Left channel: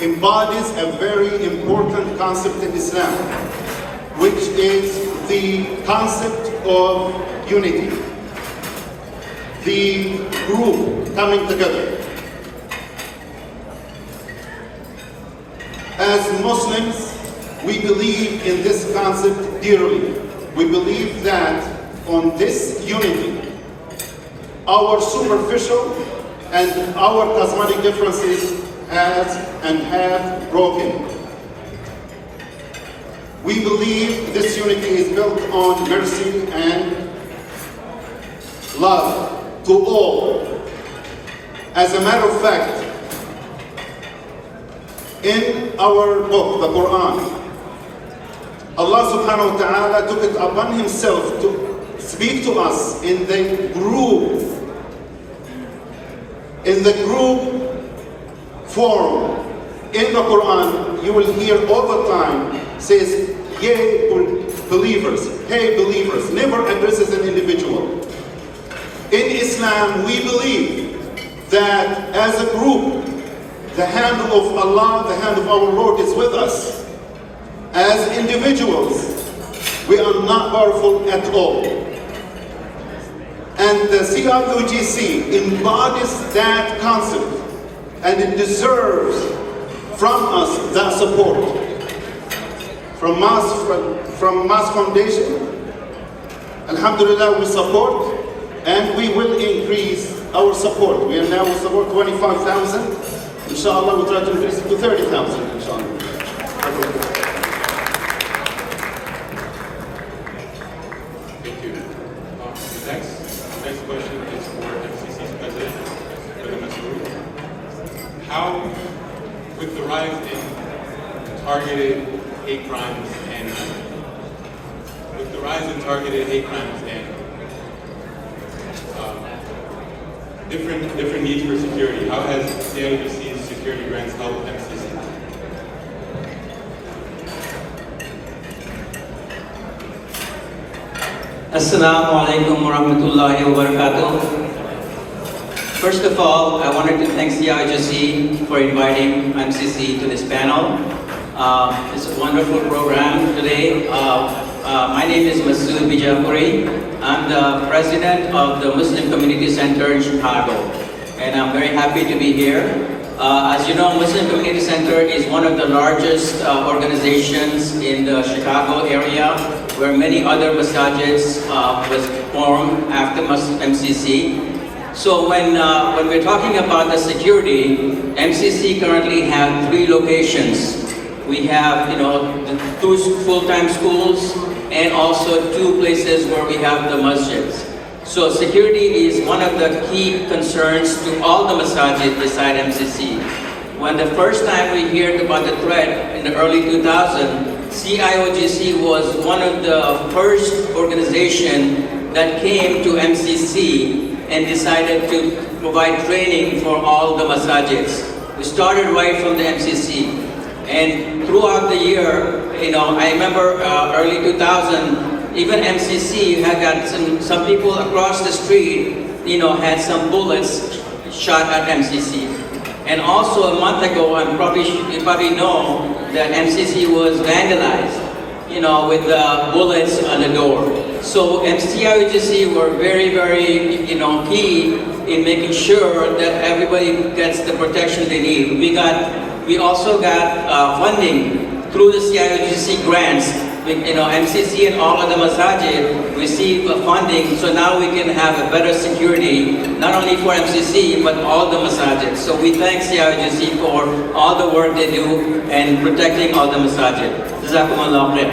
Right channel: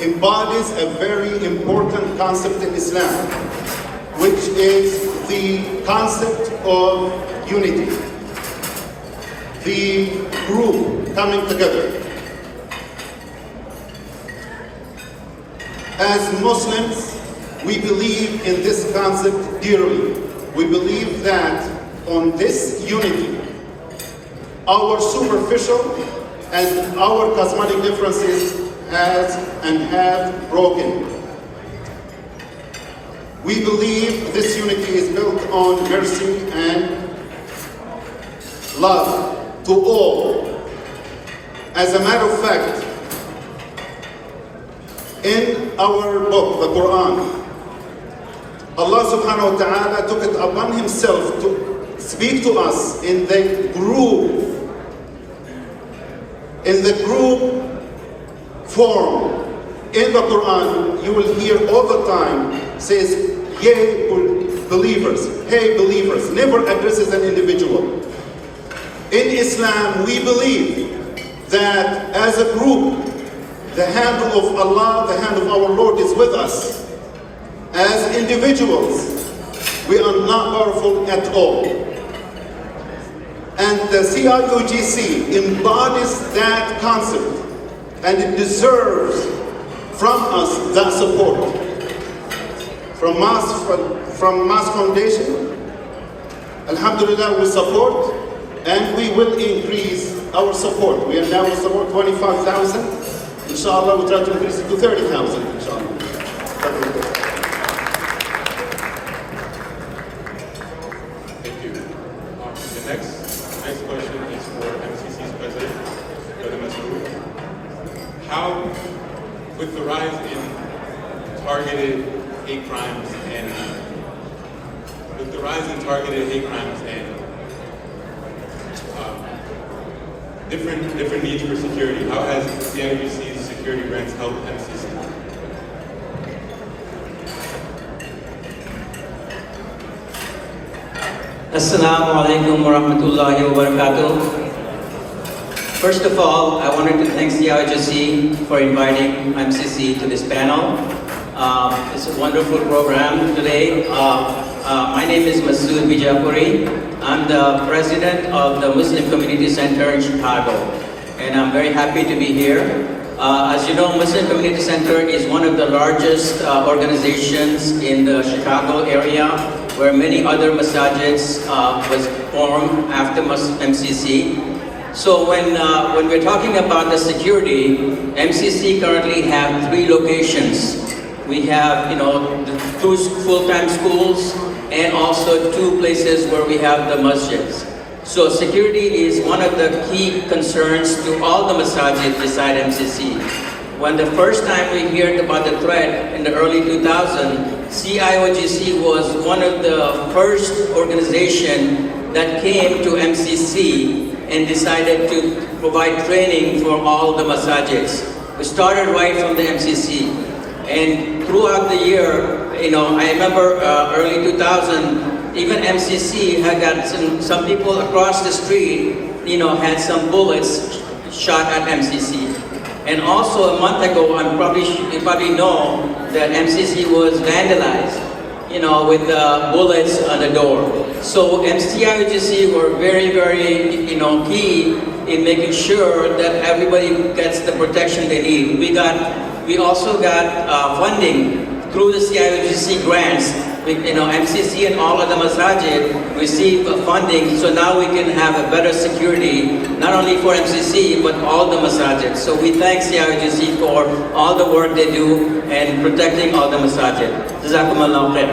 embodies a very important concept in Islam, which is the concept of unity, the group coming together. As Muslims, we believe in this concept dearly. We believe that on this unity, our superficial and our cosmetic differences have broken. We believe this unity is built on mercy and love to all. As a matter of fact, in our book, the Quran, Allah subhanahu wa ta'ala took it upon himself to speak to us in the group form. In the Quran, you will hear all the time, says, "Yea, believers, hey believers," never addresses an individual. In Islam, we believe that as a group, the hand of Allah, the hand of our Lord is with us. As individuals, we are not powerful at all. And the CIOGC embodies that concept, and it deserves from us that support. From Mass Foundation, Alhamdulillah, we support, and we will increase our support. We are now support 25,000. Inshallah, we try to increase it to 30,000. Inshallah. Thank you. The next question is for MCC's president, how, with the rise in targeted hate crimes and different needs for security, how has CIOGC's security grants helped MCC? Assalamu alaikum wa rahmatullahi wa barakatuh. First of all, I wanted to thank CIOGC for inviting MCC to this panel. It's a wonderful program today. My name is Masood Bijapuri. I'm the president of the Muslim Community Center in Chicago, and I'm very happy to be here. As you know, Muslim Community Center is one of the largest organizations in the Chicago area, where many other masajids was formed after MCC. So when we're talking about the security, MCC currently have 3 locations. We have, the 2 full-time schools and also 2 places where we have the masjids. So security is one of the key concerns to all the masajid beside MCC. When the first time we heard about the threat in the early 2000s, CIOGC was one of the first organization that came to MCC and decided to provide training for all the masajids. We started right from the MCC. And throughout the year, I remember early 2000, even MCC had got some people across the street, had some bullets shot at MCC. And also a month ago, you probably know that MCC was vandalized, with bullets on the door. So CIOGC were very, very, key in making sure that everybody gets the protection they need. We also got funding through the CIOGC grants. MCC and all of the masajid receive funding, so now we can have a better security, not only for MCC, but all the masajid. So we thank CIOGC for all the work they do and protecting all the masajid. Jazakumullah khair.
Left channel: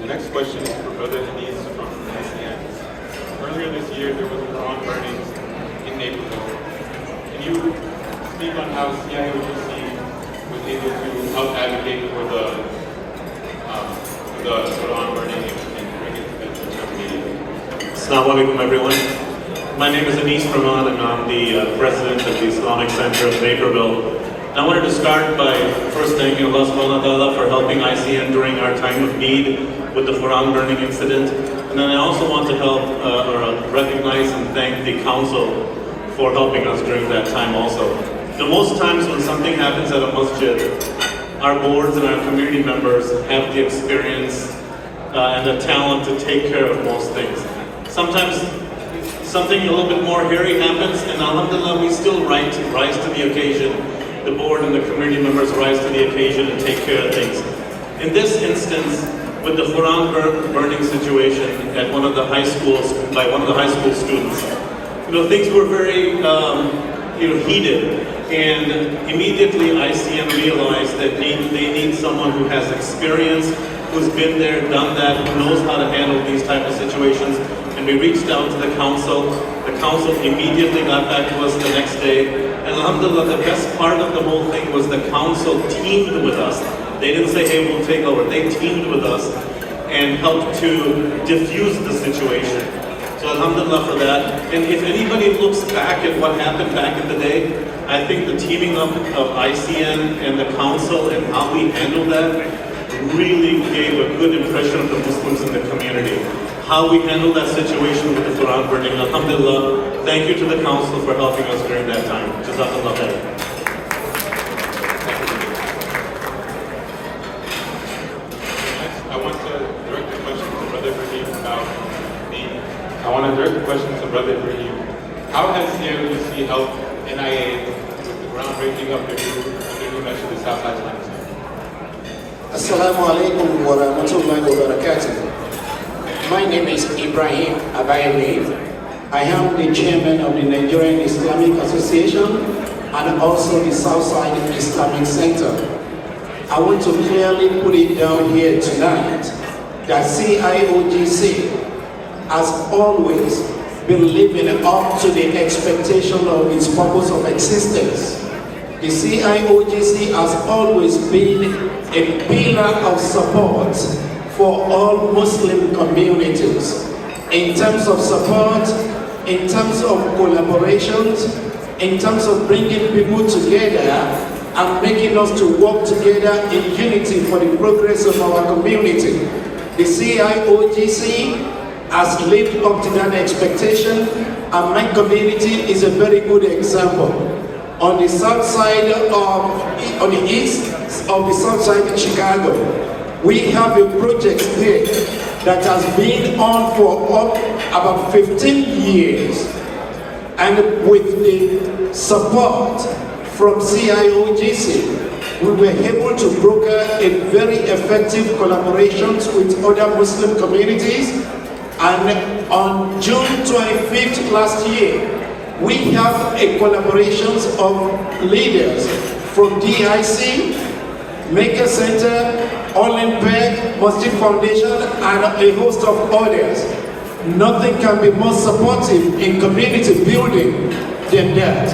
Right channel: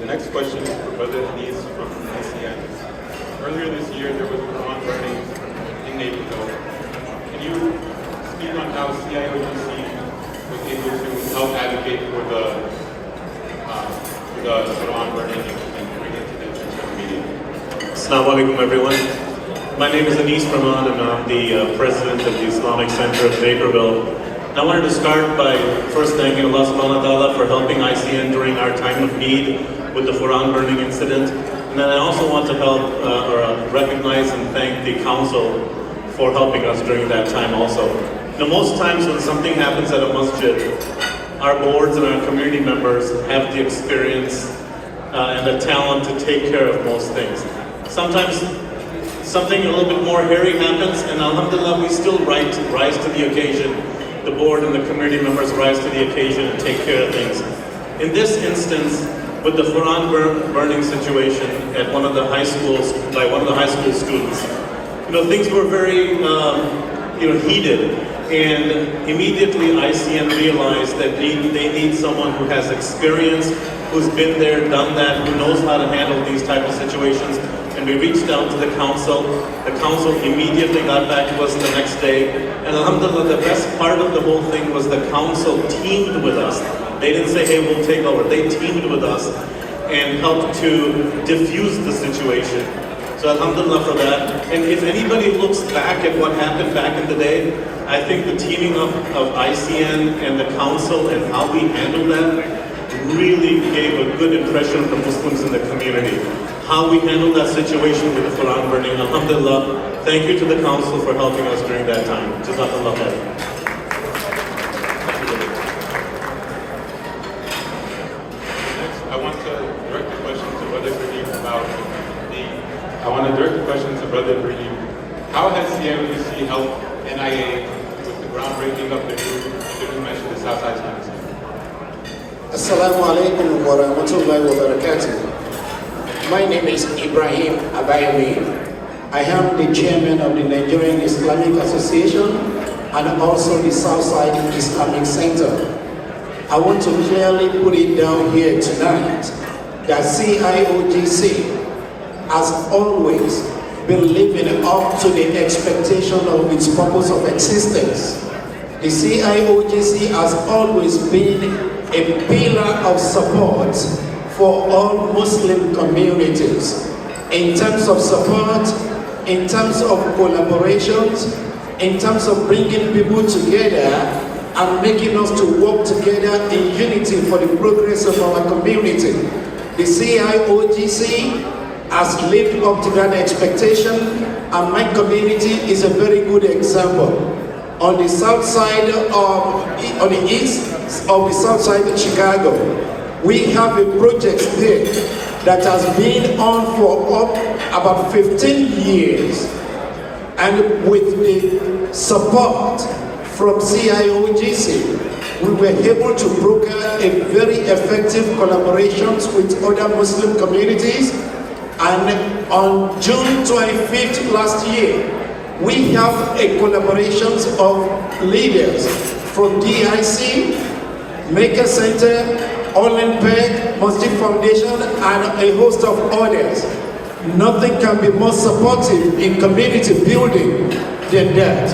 The next question is for Brother Denise from ICN. Earlier this year, there was a Quran burning in Naperville. Can you speak on how CIOGC was able to help advocate for the Quran burning and bring it to the social media? Assalamu alaikum, everyone. My name is Anis Rahman, and I'm the president of the Islamic Center of Naperville. I wanted to start by first thanking Allah subhanahu wa ta'ala for helping ICN during our time of need with the Quran burning incident. And then I also want to recognize and thank the council for helping us during that time also. The most times when something happens at a masjid, our boards and our community members have the experience and the talent to take care of most things. Sometimes something a little bit more hairy happens, and alhamdulillah, we still rise to the occasion. The board and the community members rise to the occasion and take care of things. In this instance, with the Quran burning situation at one of the high schools, by one of the high school students, things were very heated, and immediately ICM realized that they need someone who has experience, who's been there, done that, who knows how to handle these type of situations. And we reached out to the council. The council immediately got back to us the next day. And alhamdulillah, the best part of the whole thing was the council teamed with us. They didn't say, hey, we'll take over. They teamed with us and helped to diffuse the situation. So alhamdulillah for that. And if anybody looks back at what happened back in the day, I think the teaming up of ICN and the council and how we handled that really gave a good impression of the Muslims in the community. How we handled that situation with the Quran burning, alhamdulillah, thank you to the council for helping us during that time. Jazakallah khair. I want to direct the question to Brother Ibrahim about how has CIOGC helped NIA with the groundbreaking of the new measure, the Southside Campus? Assalamu alaikum wa rahmatullahi wa barakatuh. My name is Ibrahim Abayewi. I am the chairman of the Nigerian Islamic Association and also the Southside Islamic Center. I want to clearly put it down here tonight that CIOGC has always been living up to the expectation of its purpose of existence. The CIOGC has always been a pillar of support for all Muslim communities in terms of support, in terms of collaborations, in terms of bringing people together and making us to work together in unity for the progress of our community. The CIOGC has lived up to that expectation, and my community is a very good example. On the south side on the east of the south side of Chicago, we have a project there that has been on for about 15 years. And with the support from CIOGC, we were able to broker a very effective collaborations with other Muslim communities. And on June 25th last year, we have a collaborations of leaders from DIC, Maker Center, Olympic, Masjid Foundation, and a host of others. Nothing can be more supportive in community building than that.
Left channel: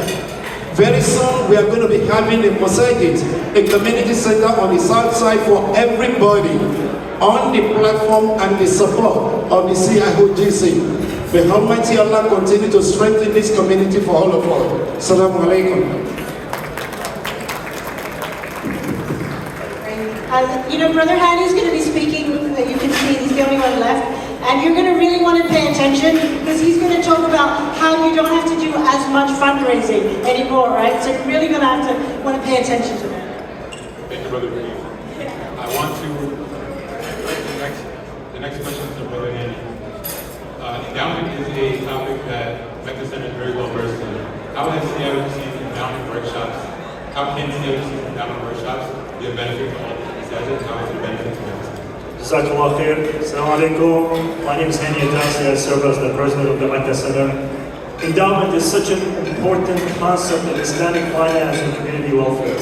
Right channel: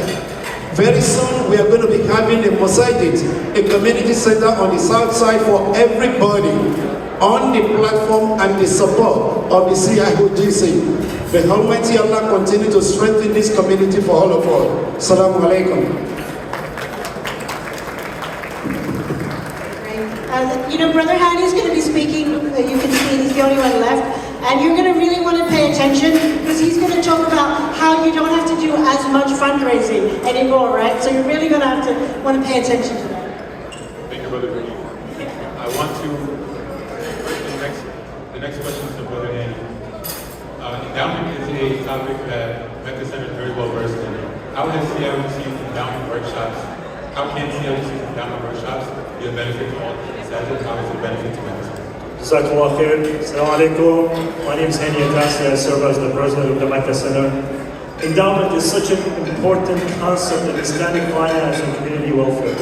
Very soon we are going to be having a Masajid, a community center on the south side for everybody on the platform and the support of the CIOGC. May Almighty Allah continue to strengthen this community for all of us. Assalamu alaikum. Brother Hani is going to be speaking. You can see he's the only one left. And you're going to really want to pay attention because he's going to talk about how you don't have to do as much fundraising anymore, right? So you're really going to want to pay attention to that. Thank you, Brother Ibrahim. I want to, the next question is to Brother Hani. Endowment is a topic that Mecca Center is very well versed in. How has CIOGC endowment workshops, how can CIOGC endowment workshops be a benefit to all? How is it benefit to Mecca Center? Jazakallah khair. Assalamu alaikum. My name is Hani Atasi. I serve as the president of the Mecca Center. Endowment is such an important concept in Islamic finance and community welfare.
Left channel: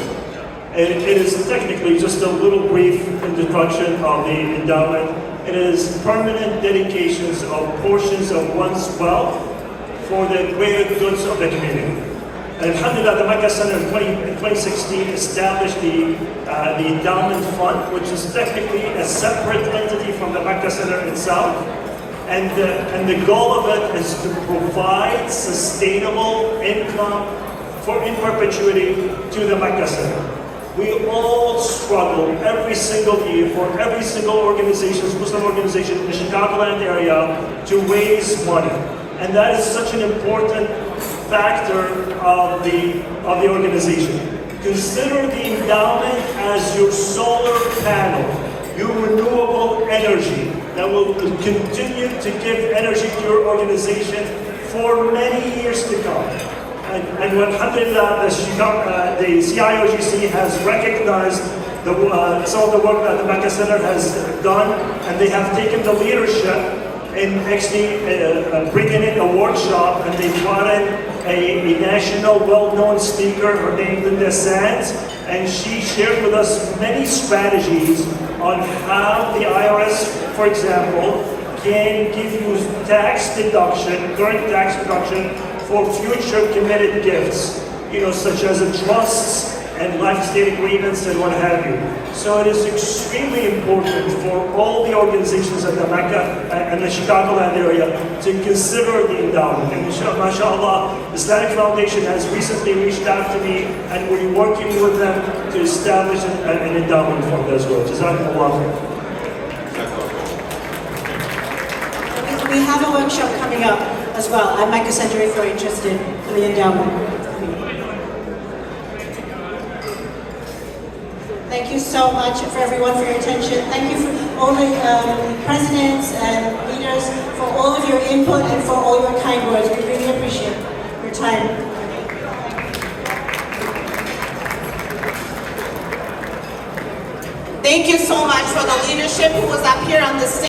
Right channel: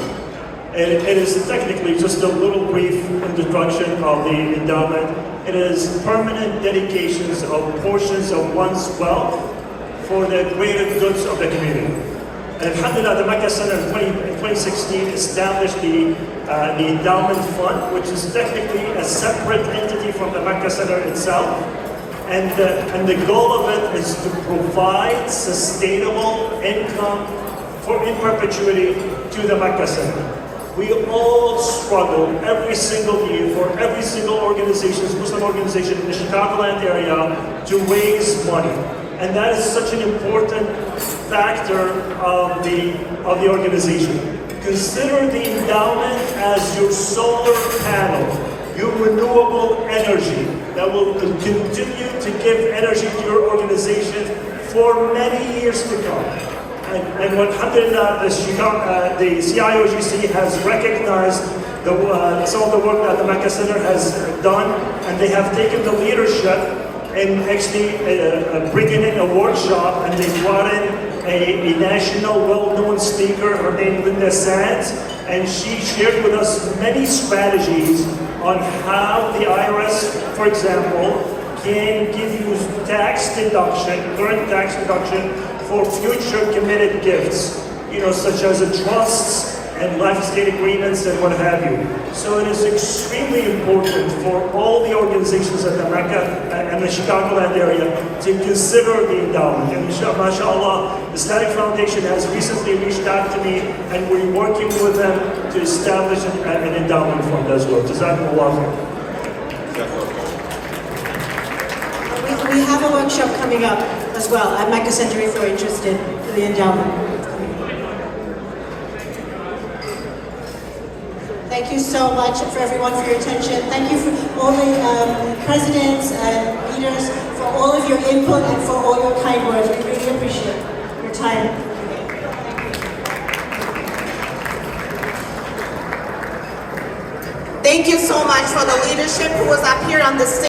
And it is technically just a little brief introduction of the endowment. It is permanent dedications of portions of one's wealth for the greater goods of the community. And alhamdulillah, the Mecca Center in 2016 established the endowment fund, which is technically a separate entity from the Mecca Center itself. And the goal of it is to provide sustainable income in perpetuity to the Mecca Center. We all struggle every single year for every single organization, Muslim organization in the Chicagoland area to raise money. And that is such an important factor of the organization. Consider the endowment as your solar panel, your renewable energy that will continue to give energy to your organization for many years to come. And alhamdulillah, the CIOGC has recognized some of the work that the Mecca Center has done, and they have taken the leadership in actually bringing in a workshop, and they brought in a national well-known speaker, her name Linda Sands, and she shared with us many strategies on how the IRS, for example, can give you tax deduction, current tax deduction, for future committed gifts, such as trusts and life estate agreements and what have you. So it is extremely important for all the organizations in the Mecca and the Chicagoland area to consider the endowment. And mashallah, Islamic Foundation has recently reached out to me, and we're working with them to establish an endowment fund as well. Jazakumullah. We have a workshop coming up as well at Mecca Center if you're interested in the endowment. Thank you so much for everyone for your attention. Thank you for all the presidents and leaders for all of your input and for all your kind words. We really appreciate your time. Thank you so much for the leadership who was up here on the stage.